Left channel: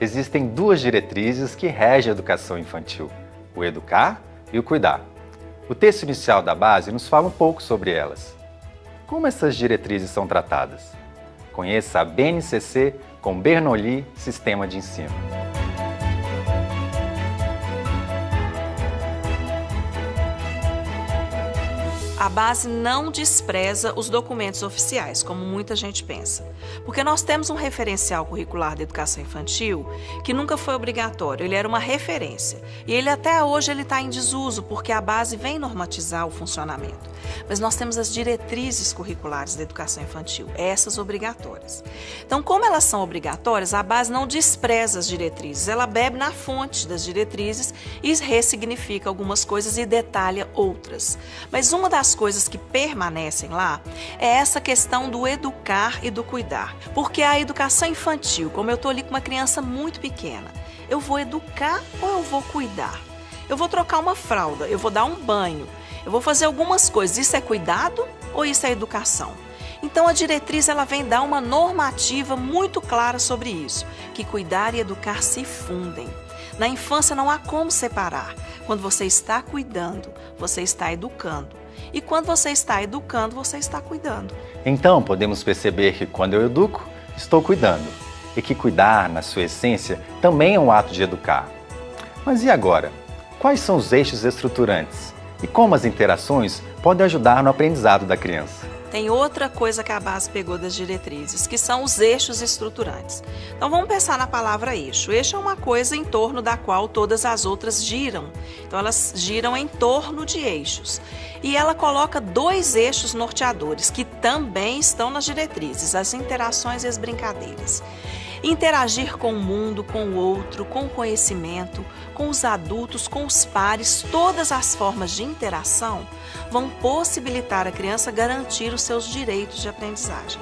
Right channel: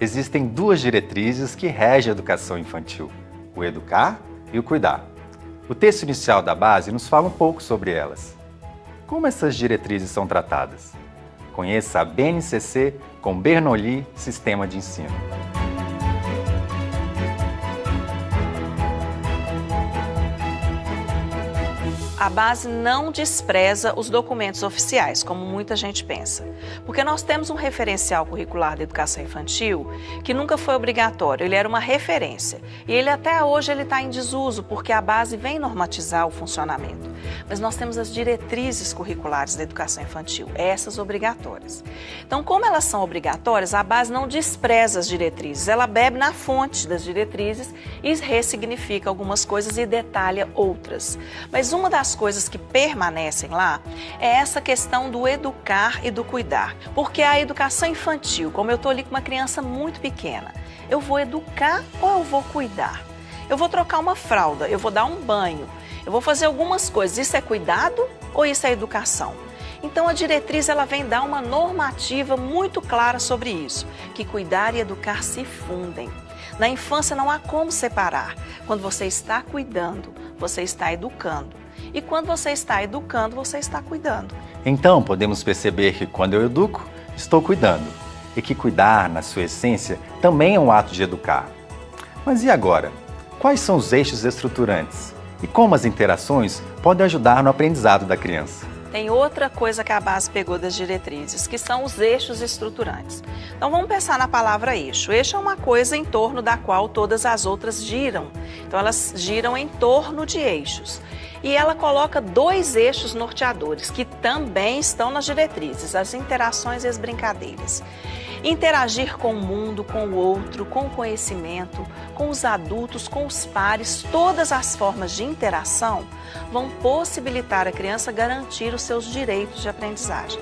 Existem duas diretrizes que regem a educação infantil: o educar e o cuidar. O texto inicial da base nos fala um pouco sobre elas. Como essas diretrizes são tratadas? Conheça a BNCC com Bernoulli Sistema de Ensino. A base não despreza os documentos oficiais, como muita gente pensa. Porque nós temos um referencial curricular da educação infantil que nunca foi obrigatório, ele era uma referência. E ele até hoje está em desuso, porque a base vem normatizar o funcionamento. Mas nós temos as diretrizes curriculares da educação infantil, essas obrigatórias. Então, como elas são obrigatórias, a base não despreza as diretrizes, ela bebe na fonte das diretrizes e ressignifica algumas coisas e detalha outras. Mas uma das coisas que permanecem lá é essa questão do educar e do cuidar. Porque a educação infantil, como eu estou ali com uma criança muito pequena, eu vou educar ou eu vou cuidar? Eu vou trocar uma fralda, eu vou dar um banho, eu vou fazer algumas coisas. Isso é cuidado ou isso é educação? Então a diretriz ela vem dar uma normativa muito clara sobre isso, que cuidar e educar se fundem. Na infância não há como separar. Quando você está cuidando, você está educando. E quando você está educando, você está cuidando. Então, podemos perceber que quando eu educo, estou cuidando. E que cuidar, na sua essência, também é um ato de educar. Mas e agora? Quais são os eixos estruturantes? E como as interações podem ajudar no aprendizado da criança? Tem outra coisa que a base pegou das diretrizes, que são os eixos estruturantes. Então vamos pensar na palavra eixo. Eixo é uma coisa em torno da qual todas as outras giram. Então elas giram em torno de eixos. E ela coloca dois eixos norteadores, que também estão nas diretrizes, as interações e as brincadeiras. Interagir com o mundo, com o outro, com o conhecimento, com os adultos, com os pares, todas as formas de interação vão possibilitar a criança garantir os seus direitos de aprendizagem.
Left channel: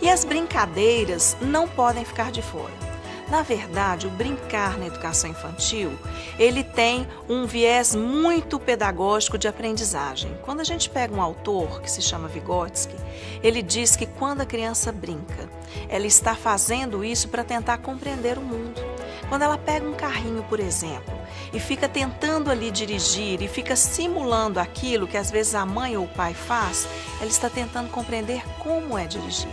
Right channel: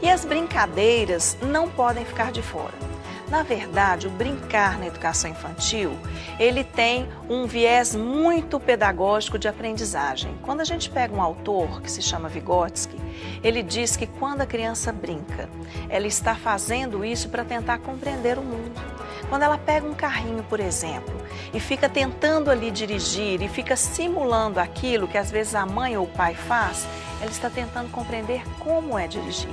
E as brincadeiras não podem ficar de fora. Na verdade, o brincar na educação infantil, ele tem um viés muito pedagógico de aprendizagem. Quando a gente pega um autor que se chama Vygotsky, ele diz que quando a criança brinca, ela está fazendo isso para tentar compreender o mundo. Quando ela pega um carrinho, por exemplo, e fica tentando ali dirigir e fica simulando aquilo que às vezes a mãe ou o pai faz, ela está tentando compreender como é dirigir.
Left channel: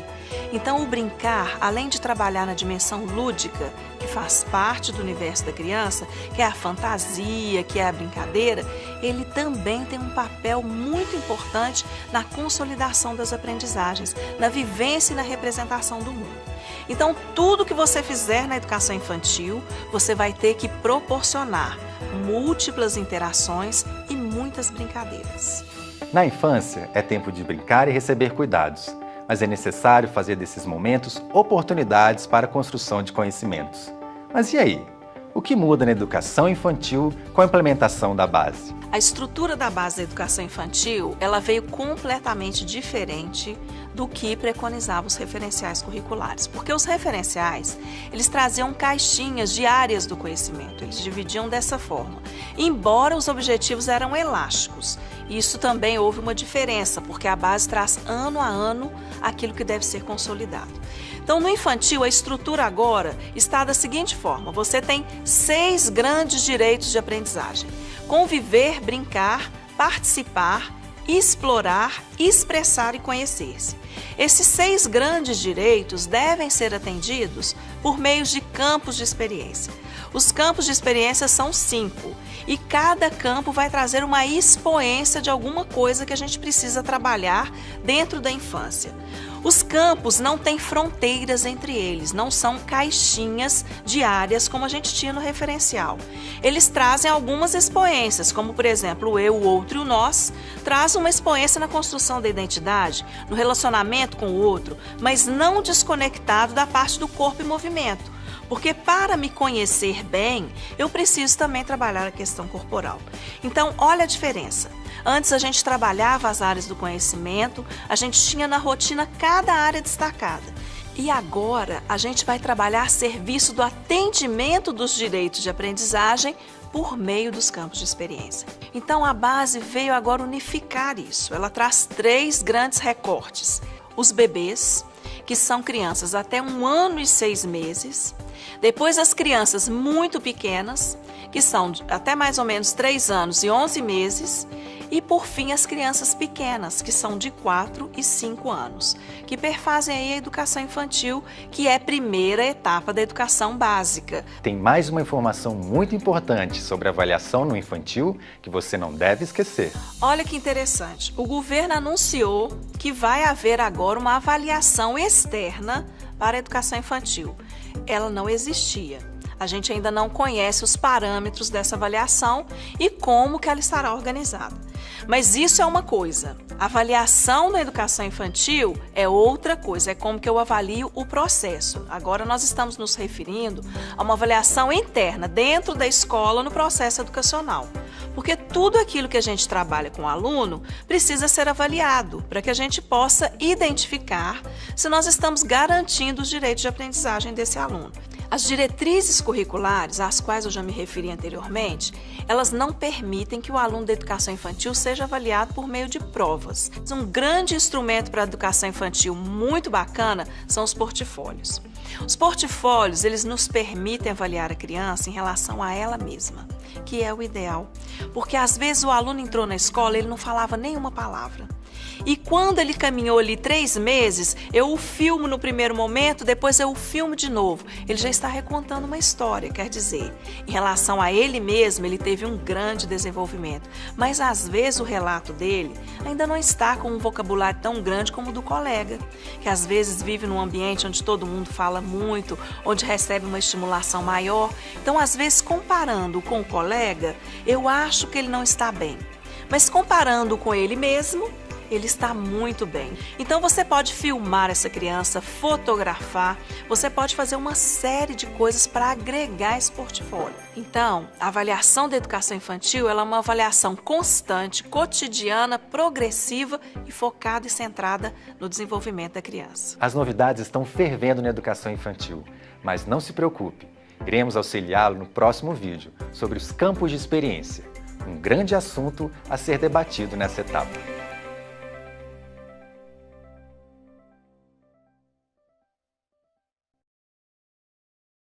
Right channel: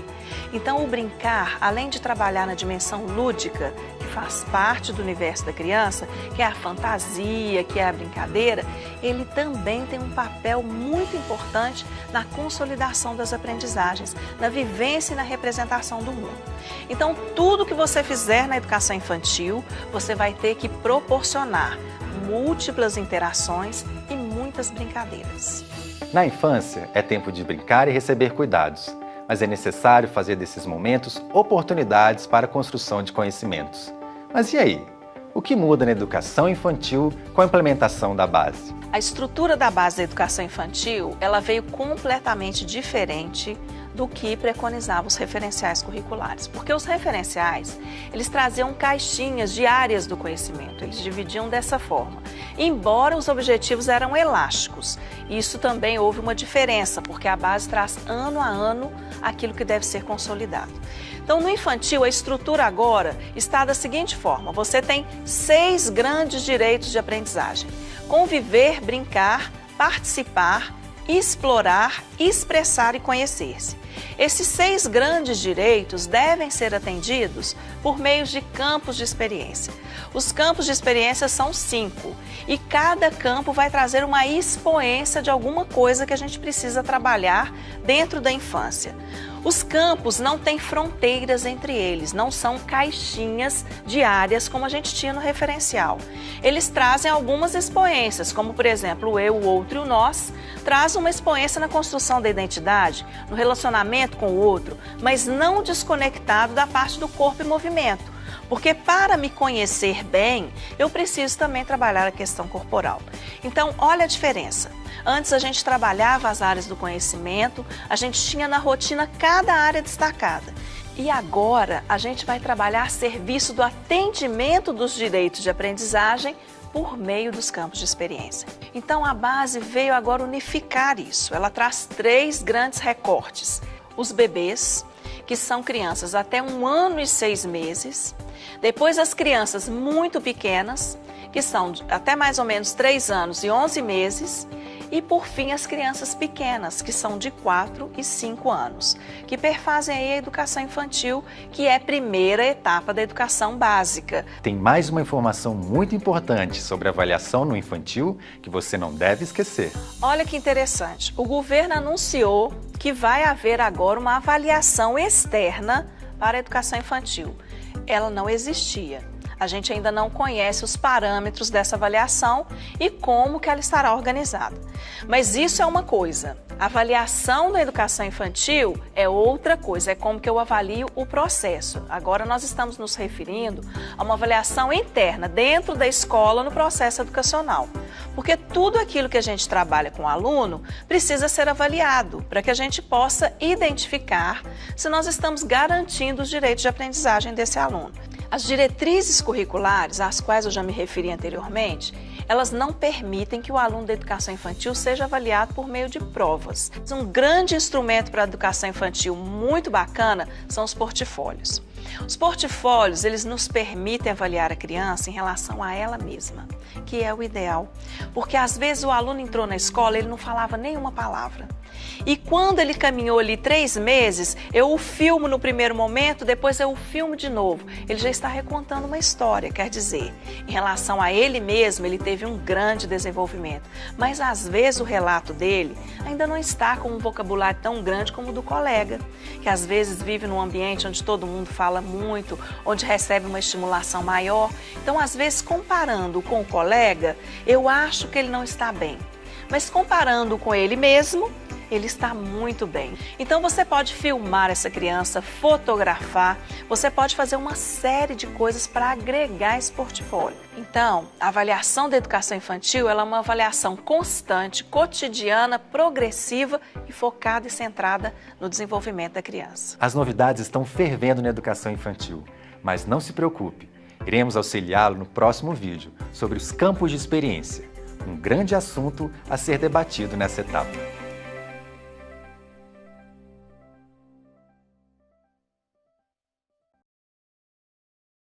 Então, o brincar, além de trabalhar na dimensão lúdica, que faz parte do universo da criança, que é a fantasia, que é a brincadeira, ele também tem um papel muito importante na consolidação das aprendizagens, na vivência e na representação do mundo. Então, tudo que você fizer na educação infantil, você vai ter que proporcionar múltiplas interações e muitas brincadeiras. Na infância, é tempo de brincar e receber cuidados. Mas é necessário fazer desses momentos oportunidades para a construção de conhecimentos. Mas e aí? O que muda na educação infantil com a implementação da base? A estrutura da base da educação infantil, ela veio completamente diferente do que preconizavam os referenciais curriculares. Porque os referenciais, eles traziam caixinhas de áreas do conhecimento, eles dividiam dessa forma. Embora os objetivos eram elásticos, isso também houve uma diferença, porque a base traz ano a ano aquilo que deve ser consolidado. Então, no infantil, a estrutura agora está da seguinte forma: você tem 6 grandes direitos de aprendizagem: conviver, brincar, participar, explorar, expressar e conhecer-se. Esses 6 grandes direitos devem ser atendidos por meio de campos de experiência. Os campos de experiência são 5. E cada campo vai trazer uma expoência de alguma coisa que a gente precisa trabalhar dentro da infância. Os campos não têm fronteiras entre eles, não são caixinhas de áreas como a gente tinha no referencial. Eles trazem algumas expoências, como por exemplo o eu, o outro e o nós, traz uma expoência na construção da identidade, no relacionamento com o outro, mas não desconectado da parte do corpo e movimento. Porque para me conhecer bem, eu preciso também trabalhar a questão corporal. Então, olha a diferença. Antes a gente trabalhava as áreas do conhecimento, a gente tinha na rotina cada área destacada. E agora a gente vai trabalhar serviço do atendimento dos direitos de aprendizagem por meio dos campos de experiência. Então a base veio agora unificar isso. Ela traz 3 grandes recortes. Os bebês, que são crianças até 1 ano e 6 meses, Depois as crianças muito pequenas, que são até mais ou menos 3 anos e 11 meses, e por fim as crianças pequenas, que são de 4 e 5 anos, que perfazem aí a educação infantil, que é a primeira etapa da educação básica. Tem mais uma informação muito importante sobre avaliação no infantil que você não deve esquecer. Olha que interessante, o governo anunciou que vai haver agora uma avaliação externa para a educação infantil. Ela não existia. A gente ainda não conhece os parâmetros dessa avaliação e como que ela estará organizada. Mas isso é uma coisa. A avaliação da educação infantil é outra coisa, é como que eu avalio o processo. Agora nós estamos nos referindo a uma avaliação interna, dentro da escola, no processo educacional. Porque tudo aquilo que a gente trabalha com o aluno precisa ser avaliado, para que a gente possa identificar se nós estamos garantindo os direitos de aprendizagem desse aluno. As diretrizes curriculares, às quais eu já me referi anteriormente, elas não permitem que o aluno da educação infantil seja avaliado por meio de provas. Um grande instrumento para a educação infantil muito bacana são os portfólios. Os portfólios, eles nos permitem avaliar a criança em relação a ela mesma, que é o ideal. Porque às vezes o aluno entrou na escola e ele não falava nenhuma palavra. E quando ele caminhou ali 3 meses, eu o filmo no primeiro momento, depois eu o filmo de novo. Ele já está recontando uma história, quer dizer, em relação a ele mesmo, ele teve um grande desenvolvimento. Mas às vezes o relato dele ainda não está com um vocabulário tão grande como o do colega, que às vezes vive num ambiente onde todo mundo fala muito, onde recebe uma estimulação maior. Então, às vezes, comparando com o colega, eu acho que ele não está bem. Mas comparando com ele mesmo, ele está muito bem. Então você pode filmar essa criança, fotografar, você pode fazer uma série de coisas para agregar esse portfólio. Então, a avaliação da educação infantil ela é uma avaliação constante, cotidiana, progressiva e focada e centrada no desenvolvimento da criança. As novidades estão fervendo na educação infantil, mas não se preocupe, iremos auxiliá-lo no próximo vídeo sobre os campos de experiência, um grande assunto a ser debatido nessa etapa.